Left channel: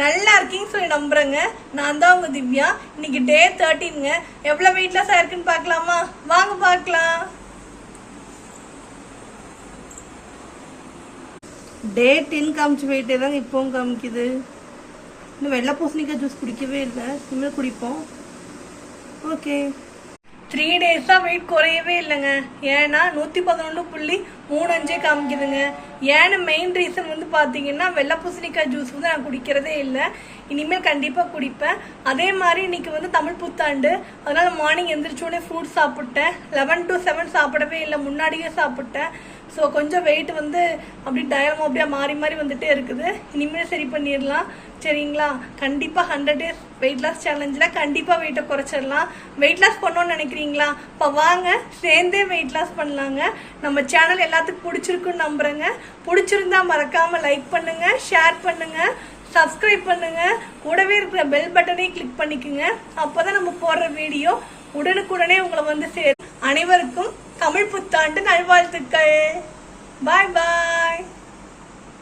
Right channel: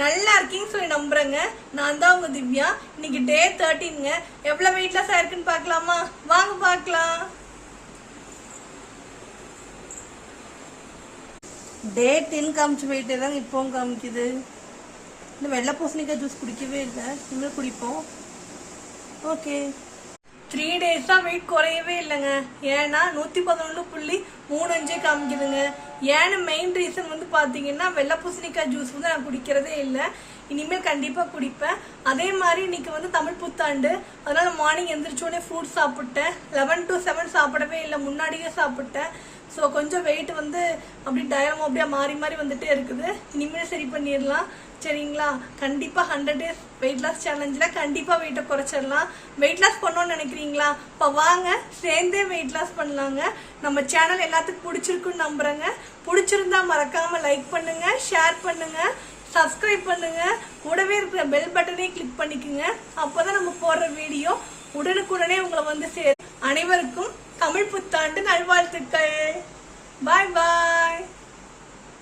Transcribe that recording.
நல்லா இருக்கீங்கன்னு சொல்லி நம்புறேங்க. நான் தான் உங்க திவ்யா. இன்னைக்கு டே 13ங்க. எவ்வளவு வெயிட் லாஸ் ஆயிருக்குன்னு பார்க்கலாமா? வாங்க பார்க்கலாம். டே 10 காமிச்சு போயிட்டே தான் இப்பவும் காமிக்குது. இன்னும் வெள்ளை பூசணிக்காய் ஜூஸ் குடிக்கவே இல்லை, இனிமேல் குடிப்போம். ஓகே, 3 டேஸா வெயிட் குறையவே இல்லைங்க. ஏன்னா 111.35 காமிக்குதுங்க. ஏன்னு மெயின் ரீசன் வந்து பாத்தீங்கன்னா வெள்ளை பூசணிக்காய் ஜூஸ் வந்து நான் குடிக்கிறதே இல்லை. இனிமேல் கண்டிப்பா குடிப்பேன். அதே மாதிரி இன்னைக்கு வந்து தமிழ் புத்தாண்டு, அதனால மார்னிங் எந்திரிச்சோடனே ஃப்ரூட் சாப்பிட்டேன். 11 to 7 சாப்பிடவே இல்லை, முன்னாடியே சாப்பிட்டேன். ஸோ கொஞ்சம் வெயிட் வந்து அப்படி டயரமும் அப்படியே மாறி மாறி வந்துட்டே இருக்குது. இனிமேல் சரி பண்ணிடலாம், சரிங்களா? கண்டிப்பா 100 days வெயிட் லாஸ் சேலஞ்சில் கண்டிப்பா வெயிட்டை குறைச்சிடலாம். வெயிட் லாஸ் பண்ணணும்னு நினைக்கிறீங்களா? இப்போ வாங்க சேர்ந்தே வெயிட் லாஸ் பண்ணலாங்க. நம்ம சேனல் எல்லாத்துக்கும் பிடிச்சிருக்குன்னு நம்புறேங்க. பிடிச்சிருந்தா மறக்காம லைக் பண்ணுங்க, ஷேர் பண்ணுங்க, சப்ஸ்கிரைப் பண்ணுங்க, கூடவே இருக்கிற பெல் பட்டனையும் கிளிக் பண்ணிக்கோங்க. அப்போதான் நம்ம போடுற வீடியோ உடனுக்குடனே உங்களை வந்து சேரும். அனைவருக்கும் தமிழ் புத்தாண்டு நல்வாழ்த்துக்கள். பாய் பாய்.